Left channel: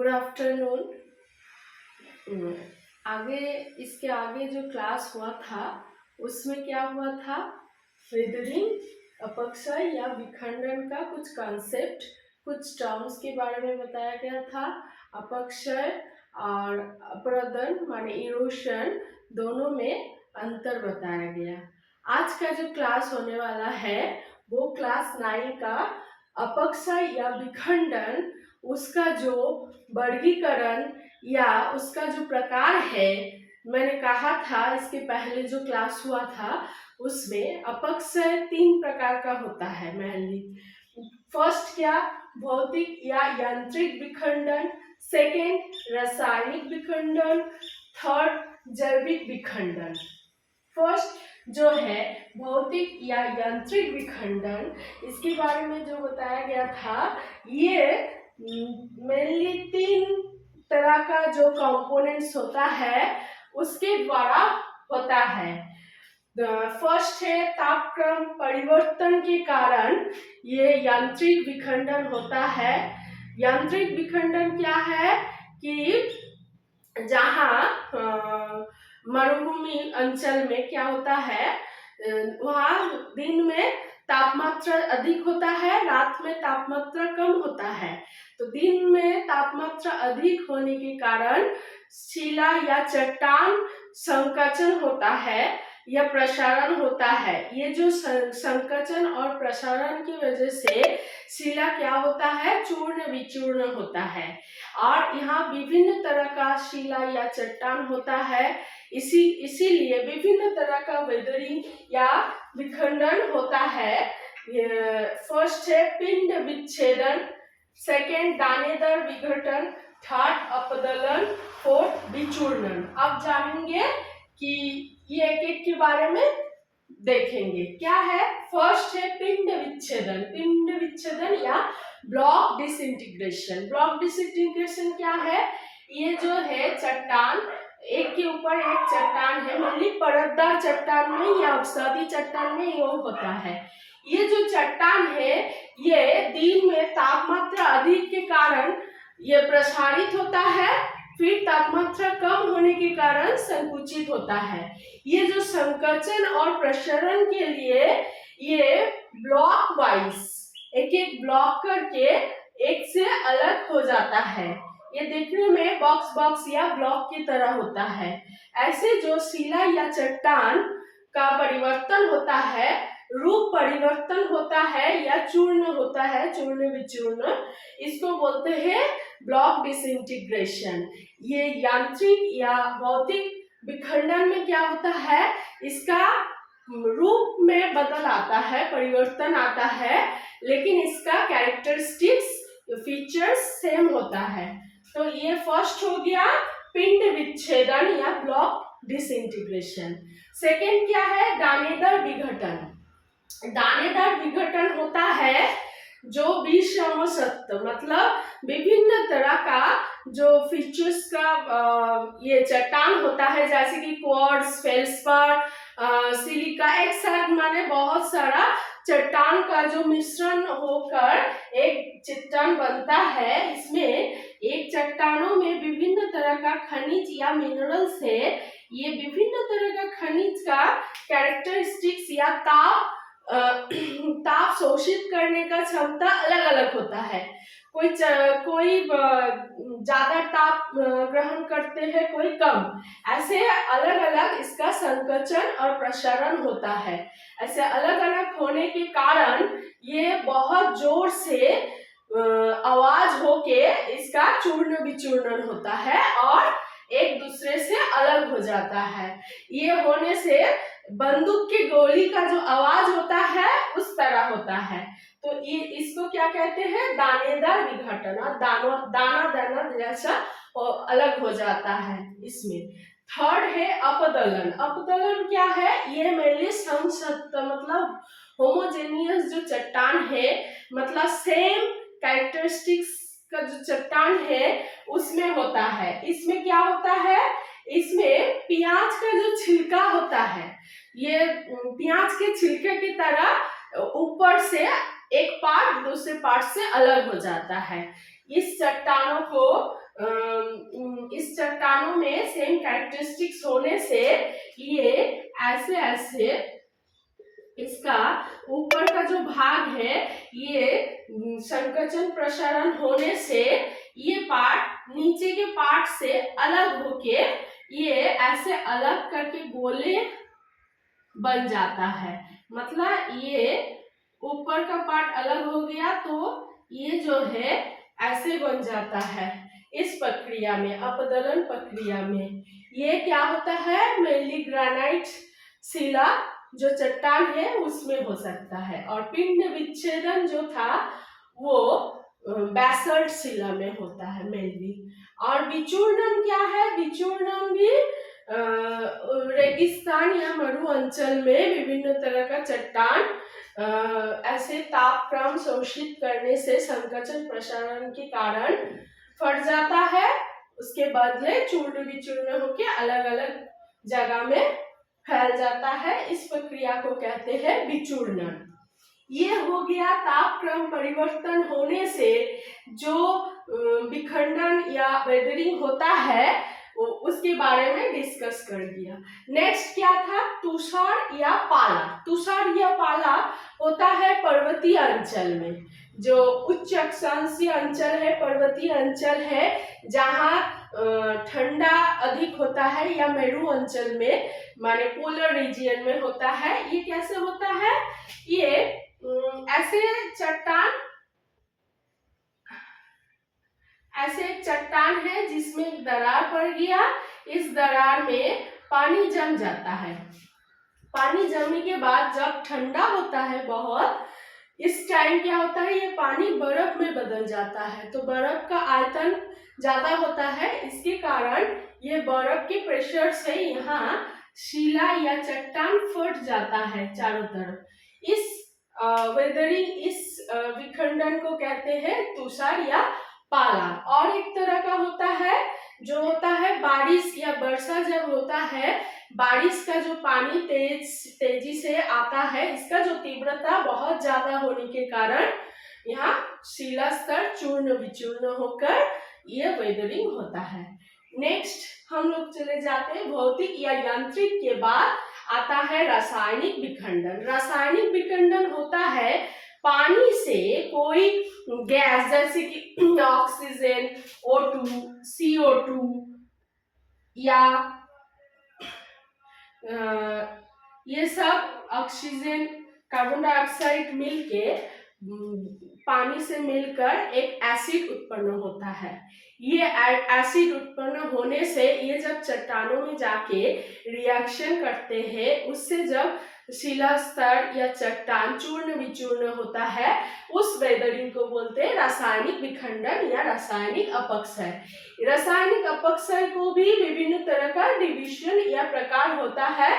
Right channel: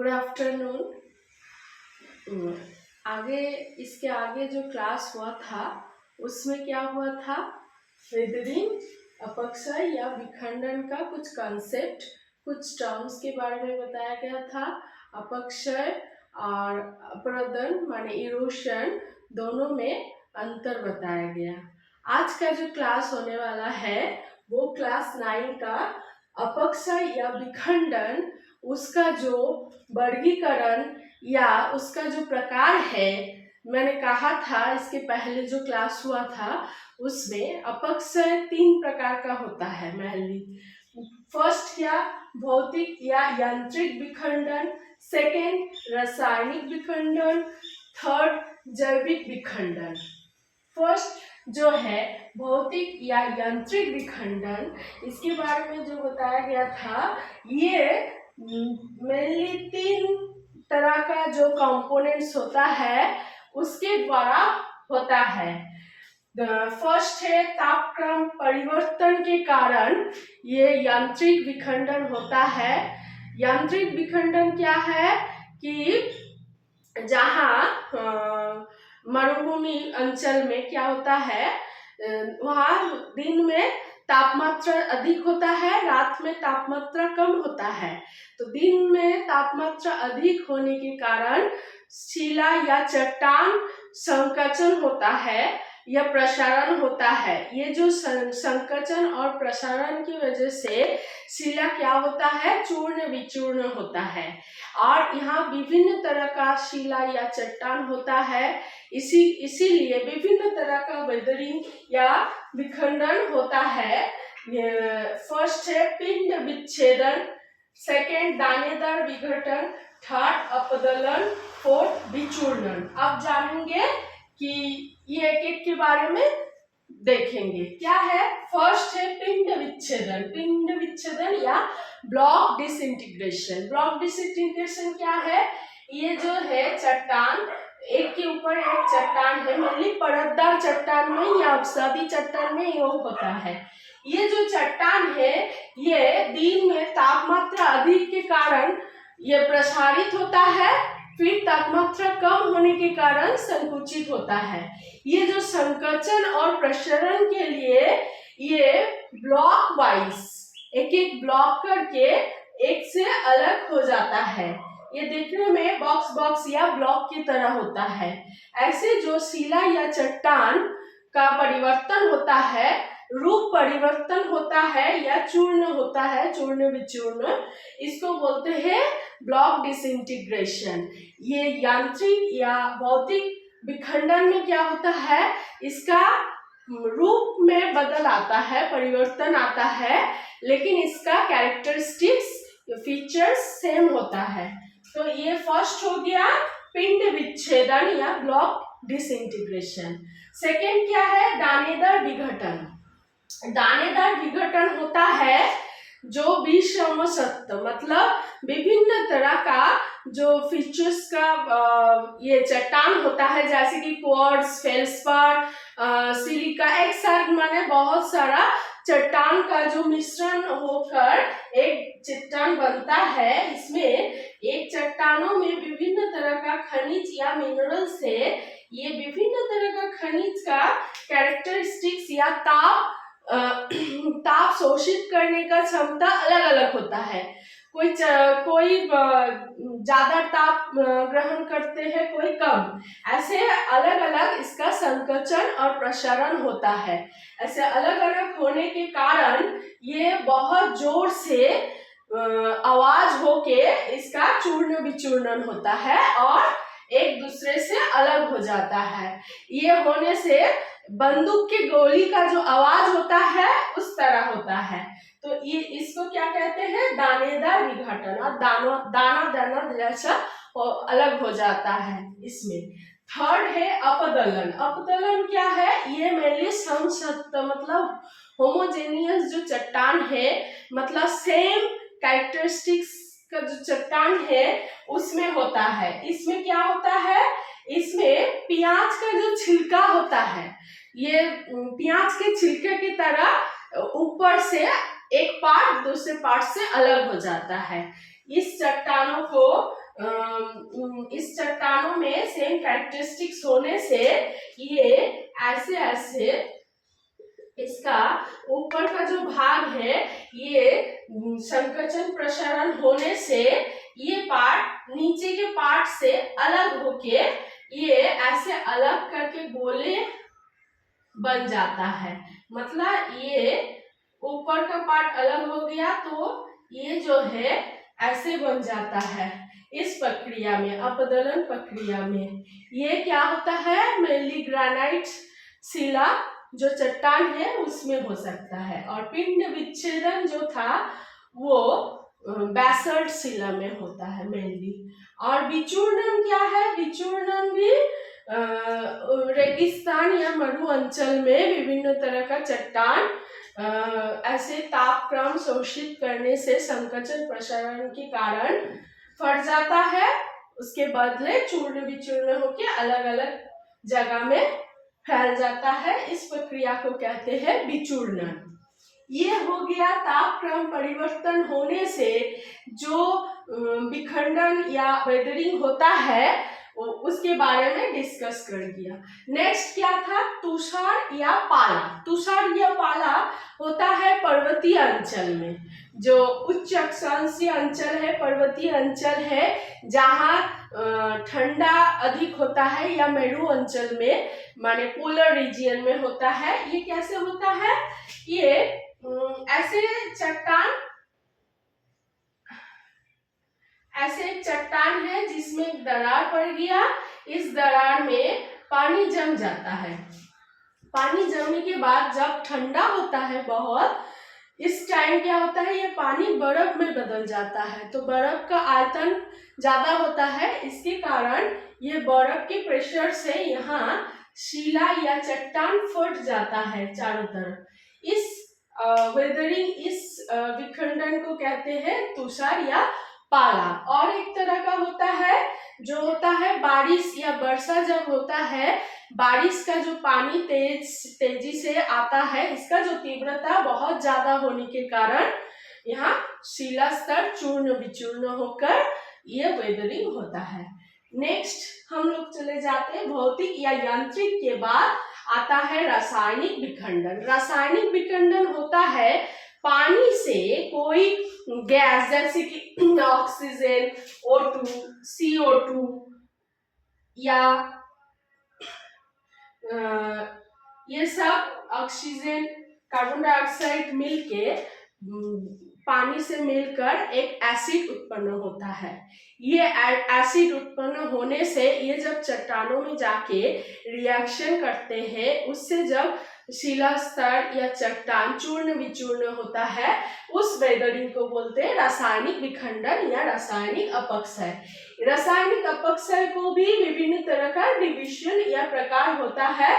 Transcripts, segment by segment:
Good afternoon. आगे इसके आगे जो क्लास हुआ था उसमें क्या हुआ था, वेदरिंग अपक्षय या विखंडन का कुछ कॉन्सेप्ट, कुछ टर्म्स के बारे में बताया गया था। अपक्षय और अपरदन माने इरोशन, दोनों में अंतर बताया गया। आज का जो क्लास होने वाला है वो क्लास 9 का अपक्षय या विखंडन, उसका जो वर्गीकरण या उसका जो प्रकार है। मैंने कहा था इसके पहले जो क्लास हुआ था उसमें अपक्षय 3 प्रकार का होता है मेनली। फर्स्ट क्या, भौतिक या यांत्रिक विखंडन, सेकेंड रासायनिक विखंडन, थर्ड जैविक विखंडन। फर्स्ट जो है भौतिक या यांत्रिक विखंडन, इसके बारे में जो बताया गया था, ये मेनली 3 तरह का जो कंपोनेंट्स होता है उसके द्वारा होता है। फर्स्ट है तापक्रम परिवर्तन के कारण ये यांत्रिक विखंडन होता है। यांत्रिक विखंडन क्या है कि जहाँ मरुभूमि अंचल में क्या होता है, वहाँ दिन में तापमात्रा अधिक होता है, रात में तापमात्रा कम होता है। तो दिन में तापमात्रा अधिक होने के कारण शिला या चट्टान संकुचन होता है या प्रसारण होता है। ये जो संकुचन और प्रसारण की वजह से शिला क्या होता है, चूर्ण विचूर्ण होता है। और यहाँ विभिन्न तरह का शिला या चट्टान होता है, इसीलिए विभिन्न तरह का वेदरिंग या विखंडन होता है। फर्स्ट है पिंड विच्छेदन, सेकेंड दानेदार विघटन, थर्ड अपदलन, फोर्थ विचूर्णन। अब जानेंगे कि ये एक एक के बारे में देखेंगे। क्या है, फर्स्ट है पिंड विच्छेदन। पिंड विच्छेदन या ब्लॉक डिसइंटीग्रेशन। ब्लॉक डिसइंटीग्रेशन क्या है, ये जो है चट्टान, एक के ऊपर एक चट्टान है, मेनली परतदार चट्टान में या अवसादी चट्टान में ये होता है। ये जो चट्टान है ये दिन में तापमात्रा अधिक के कारण ये प्रसारित होता है, फिर तापमात्रा कम होने के कारण संकुचित होता है। ये जो संकुचन और प्रसारण के लिए ये ब्लॉक वाइज एक एक ब्लॉक करके एक से अलग हो जाता है। ये देखने में बॉक्स बॉक्स या ब्लॉक की तरह होता है। ऐसे जो शिला या चट्टान का परिवर्तन होता है, रूप परिवर्तन होता है या चूर्ण होता है, चूर्ण विचूर्ण, इसको बोलते हैं ब्लॉक डिसइंटीग्रेशन। ये यांत्रिक या भौतिक विखंडन में क्या होता है, इसका रूप में बदल आता है, परिवर्तन आता है, लेकिन इसका कैरेक्टरिस्टिक्स फीचर्स सेम होता है। तो ये फर्स्ट हो गया पिंड विच्छेदन या ब्लॉक डिसइंटीग्रेशन। सेकेंड क्या है, दानेदार विघटन। दानेदार विघटन होता है जो विषम सत्व, मतलब विभिन्न तरह का जो फीचर्स का ये चट्टान होता है, जैसे कि क्वार्ट्ज, फेल्सपार, सिलिका, एक साथ माने बहुत सारा चट्टान का जो मिश्रण होकर एक चट्टान बनता है। इसमें एक चट्टानों में विभिन्न तरह का खनिज या मिनरल्स है। ये विभिन्न तरह का खनिज का कैरेक्टरिस्टिक्स या ताप शोषित करने का क्षमता अलग अलग होता है। कोई ज्यादा ताप ग्रहण करते हैं, कोई कम, ऐसे अलग अलग इसका संकुचन और प्रसारण होता है। ऐसे अलग अलग होने के कारण ये बहुत जोर से आवाज होके इसका चूर्ण विचूर्णन होता है और एक दूसरे से अलग हो जाता है। ये होने से बंदूक की गोली का जो आवाज होता है उस तरह होता है। तो ये इसको क्या कहते हैं, दानेदार विघटन, और दाना दाना जैसा अलग हो जाता है इसमें। थर्ड है अपदलन। अपदलन क्या है, ये मेनली समसत्व, मतलब होमोजेनियस जो चट्टान है, मतलब सेम कैरेक्टरिस्टिक्स का जो चट्टान है उसमें होता है। इसमें क्या होता है, इसमें प्याज का जो छिलका होता है, ये प्याज के छिलके की तरह ऊपर से एक पार्ट दूसरे पार्ट से अलग हो जाता है। इस चट्टानों को इस चट्टानों में सेम कैरेक्टरिस्टिक्स होने से ये ऐसे ऐसे इसका ऊपर का जो भाग है ये संकोचन प्रसारण होने से ये पार्ट नीचे के पार्ट से अलग होके ये ऐसे अलग करके गोले बन जाता है। मतलब ये ऊपर का पार्ट अलग हो गया तो ये जो है ऐसे बन जाता है। इस प्रक्रिया में, अपदलन प्रक्रिया में, ये क्या होता है, मेनली ग्रेनाइट शिला जो चट्टान है उसमें हो सकता है, और पिंड विच्छेदन जो था वो बैसल्ट शिला में होता है मेनली। और विचूर्णन क्या है, विचूर्णन भी रेगिस्तान या मरु अंचल में विभिन्न तरह का चट्टान ऐसे तापक्रम शोषित करने से संकोचन प्रसारण के कारण फट जाता है, उसके बदले चूर्ण विचूर्ण होकर अलग अलग जगह में फैल जाता है। इस प्रक्रिया को कहते हैं विचूर्णन। ये हो गया तापक्रम परिवर्तन होने से जो विखंडन या वेदरिंग होता है उसके बारे में डिस्कस कर दिया। नेक्स्ट क्या था, तुषार या पाला। तुषार या पाला होता है पर्वतीय अंचल में, जो उच्च अक्षांशीय अंचल है, पर्वतीय अंचल है जहाँ ठंडा अधिक होता है, या मेरु अंचल में माने पोलर रीजियन में होता है। ये कैसे होता है, ये ऐसे एक चट्टान है जिसमें एक दरार पड़ गया, इस दरार में पानी जम जाता है। पानी जमने के बाद जब ठंडा होता है बहुत, इस टाइम क्या होता है, ये पानी बर्फ में बदल जाता है, तो बर्फ का आयतन ज्यादा होता है, इसके कारण ये बर्फ के प्रेशर से यहाँ शिला या चट्टान फट जाता है चारों तरफ। इस वेदरिंग, इस विखंडन को कहते हैं तुषार या पाला। और एक तरह का होता है जो होता है बारिश या वर्षा, जब होता है बारिश का जो पानी तेजी से आता है, इसका जो तीव्रता बहुत ज्यादा होने के कारण यहाँ शिला स्तर चूर्ण विचूर्ण होकर यह वेदरिंग होता है। नेक्स्ट हम लोग चले जाते हैं भौतिक या यांत्रिक के बाद आता है रासायनिक विखंडन। रासायनिक विखंडन होता है पानी से कोई गैस जैसे कि ऑक्सीजन, O2, CO2 या ये सब ऑक्सीजन, कार्बन डाइऑक्साइड मिलके पानी से मिलकर एक एसिड उत्पन्न होता है। ये एसिड उत्पन्न होने से ये जब चट्टानों में जाके रिएक्शन करते हैं, उससे जब शिला स्तर या चट्टान चूर्ण विचूर्ण होता है, उस वेदरिंग को बोलते हैं रासायनिक विखंडन या रासायनिक अपक्षय। रासायनिक अपक्षय को भी विभिन्न तरह का डिविजन या प्रकार होता है।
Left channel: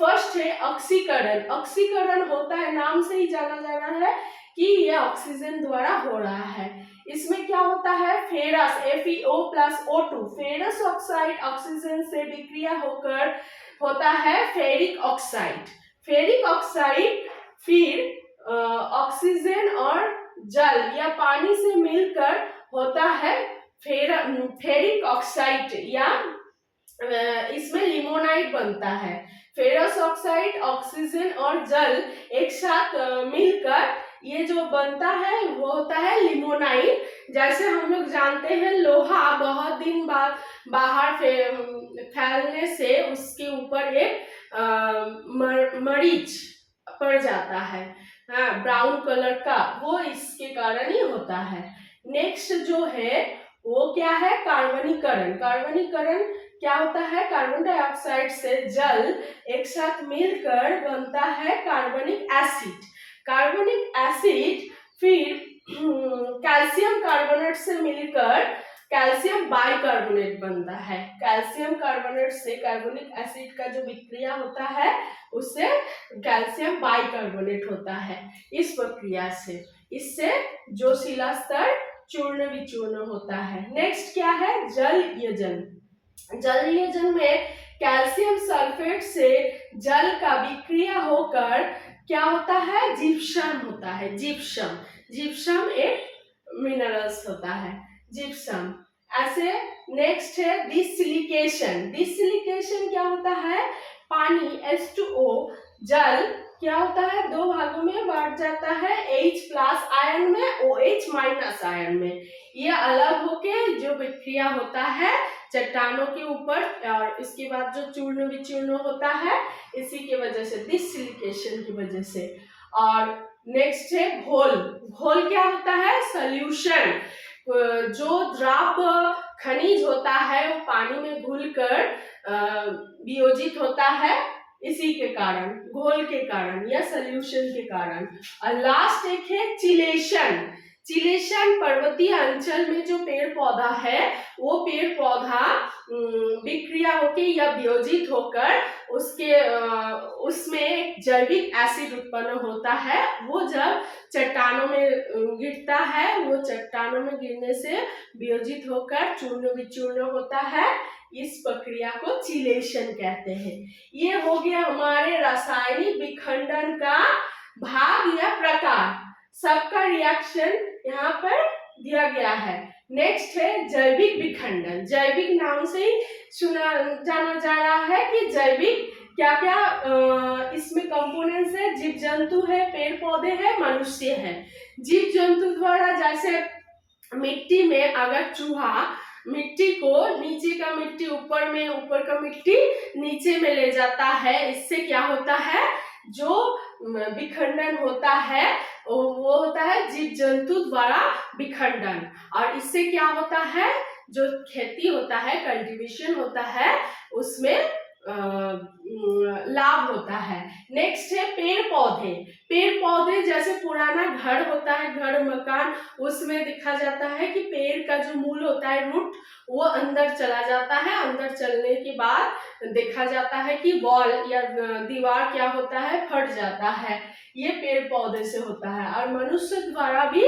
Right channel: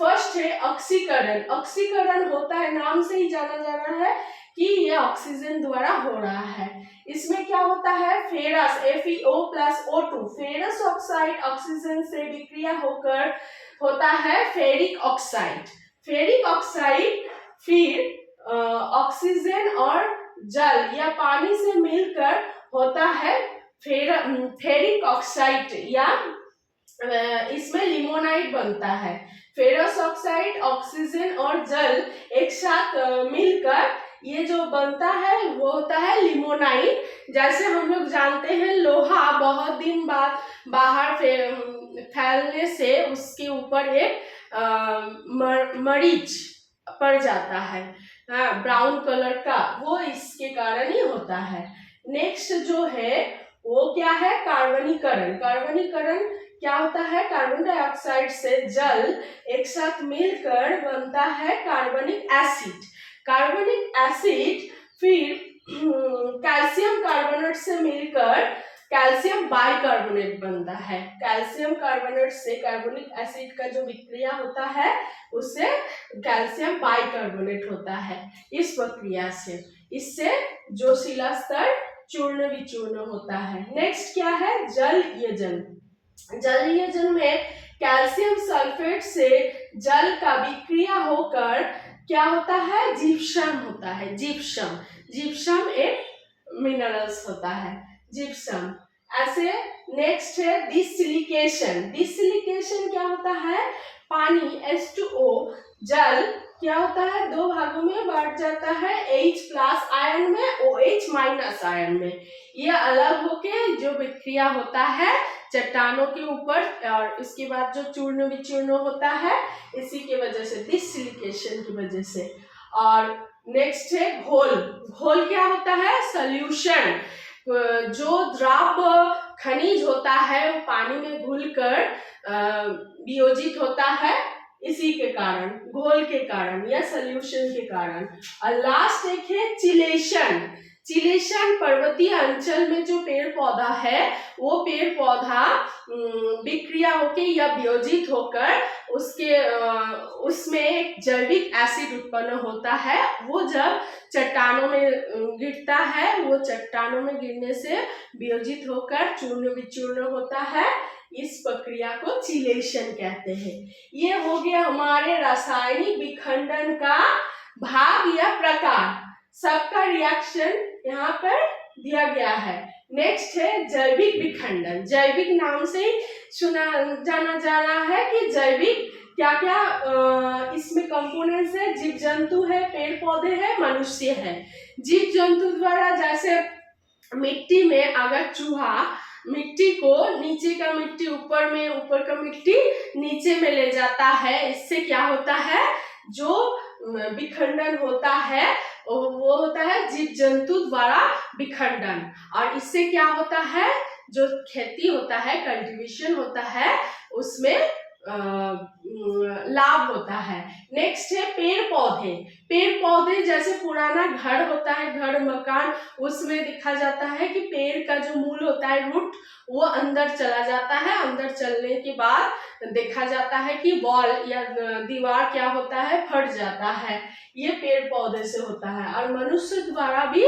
फर्स्ट है ऑक्सीकरण। ऑक्सीकरण होता है, नाम से ही जाना जा रहा है कि यह ऑक्सीजन द्वारा हो रहा है। इसमें क्या होता है, ferrous FeO+O2, ferrous oxide oxygen से विक्रिया होकर होता है फेरिक ऑक्साइड। फेरिक ऑक्साइड फिर ऑक्सीजन और जल या पानी से मिलकर होता है फेरिक ऑक्साइड, या इसमें लिमोनाइट बनता है। फेरस ऑक्साइड, ऑक्सीजन और जल एक साथ मिलकर ये जो बनता है वो होता है लिमोनाइट। जैसे हम लोग जानते हैं लोहा बहुत दिन बाद बाहर फैलने से उसके ऊपर एक मरीच पड़ जाता है, ब्राउन कलर का, वो इसके कारण ही होता है। नेक्स्ट जो है वो क्या है, कार्बनीकरण। कार्बनीकरण क्या होता है, कार्बन डाइऑक्साइड से जल एक साथ मिलकर बनता है कार्बनिक एसिड। कार्बनिक एसिड फिर कैल्शियम कार्बोनेट से मिलकर कैल्शियम बाइकार्बोनेट बनता है। कैल्शियम कार्बोनेट से कार्बनिक एसिड का जो विक्रिया होता है उससे कैल्शियम बाइकार्बोनेट होता है। इस प्रक्रिया से इससे जो शिला स्तर चूर्ण विचूर्ण होता है। नेक्स्ट क्या है, जल यजन। जल यजन में कैल्शियम सल्फेट से जल का विक्रिया होकर क्या होता है, जिप्सम होता है। जिप्सम एक मिनरल्स होता है, जिप्सम। ऐसे नेक्स्ट है डिसिलिकेशन। डिसिलिकेशन क्या होता है, पानी H2O जल क्या होता है, दो भागों में बांट जाता है, H+ आयन में, OH- आयन में। ये अलग होके जो विक्रिया होता है चट्टानों के ऊपर, और इसके बाद जो चूर्ण विचूर्ण होता है इसी के वजह से, डिसिलिकेशन की वजह से। और नेक्स्ट है घोल। घोल क्या होता है, सॉल्यूशन। जो द्रव खनिज होता है वो पानी में घुलकर वियोजित होता है, इसी के कारण, घोल के कारण या सॉल्यूशन के कारण। और लास्ट एक है चिलेशन। चिलेशन पर्वतीय अंचल में जो पेड़ पौधा है वो पेड़ पौधा विक्रिया होकर या वियोजित होकर उसके उसमें जैविक एसिड उत्पन्न होता है। वो जब चट्टानों में गिरता है, वो चट्टानों में गिरने से वियोजित होकर चूर्ण विचूर्ण होता है। इस प्रक्रिया को चिलेशन कहते हैं। ये हो गया हमारे रासायनिक विखंडन का भाग या प्रकार। सबका रिएक्शन यहाँ पर दिया गया है। नेक्स्ट है जैविक विखंडन। जैविक नाम से ही सुना जाना जा रहा है कि जैविक क्या क्या इसमें कंपोनेंट्स है, जीव जंतु है, पेड़ पौधे है, मनुष्य है। जीव जंतु द्वारा जैसे मिट्टी में अगर चूहा मिट्टी को, नीचे का मिट्टी ऊपर में, ऊपर का मिट्टी नीचे में ले जाता है, इससे क्या होता है, जो विखंडन होता है वो होता है जीव जंतु द्वारा विखंडन। और इससे क्या होता है, जो खेती होता है, कल्टीवेशन होता है, उसमें लाभ होता है। नेक्स्ट है पेड़ पौधे। पेड़ पौधे जैसे पुराना घर होता है, घर मकान, उसमें देखा जाता है कि पेड़ का जो मूल होता है, रूट, वो अंदर चला जाता है। अंदर चलने के बाद देखा जाता है कि वॉल या दीवार क्या होता है, फट जाता है। ये पेड़ पौधे से होता है। और मनुष्य द्वारा भी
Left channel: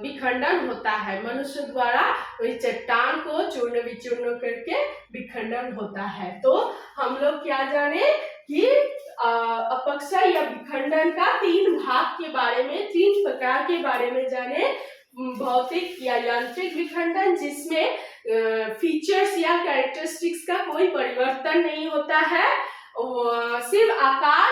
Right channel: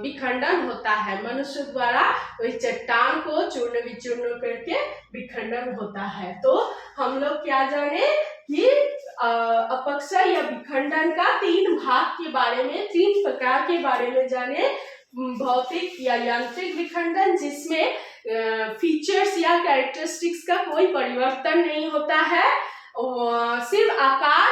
विखंडन होता है। मनुष्य द्वारा वही चट्टान को चूर्ण विचूर्ण करके विखंडन होता है। तो हम लोग क्या जाने कि अपक्षय या विखंडन का 3 भाग के बारे में, 3 प्रकार के बारे में जाने। भौतिक या यांत्रिक विखंडन, जिसमें फीचर्स या कैरेक्टरिस्टिक्स का कोई परिवर्तन नहीं होता है, सिर्फ आकार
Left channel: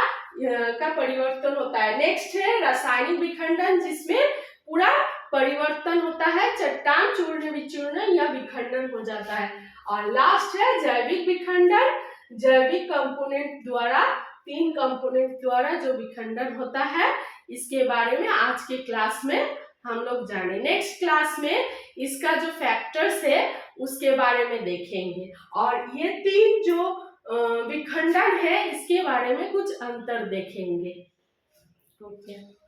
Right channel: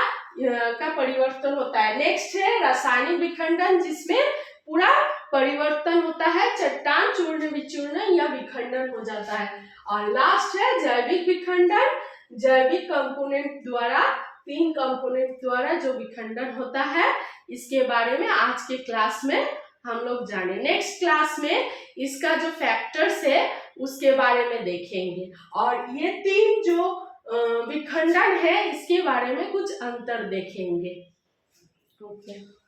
का परिवर्तन होता है। नेक्स्ट है रासायनिक विखंडन, जिसमें पूरा परिवर्तन होता है, चट्टान चूर्ण विचूर्ण या विखंडन हो जाता है। और लास्ट है जैविक विखंडन। जैविक कंपोनेंट द्वारा, 3 कंपोनेंट द्वारा जो विखंडन होता है, इसके बारे में आज के क्लास में हम लोग जाने। नेक्स्ट क्लास में इसका जो फैक्टर्स है उसके बारे में देखेंगे, और ये 3 जो विखंडन है इसके बारे में कुछ अंतर देखेंगे। ओके।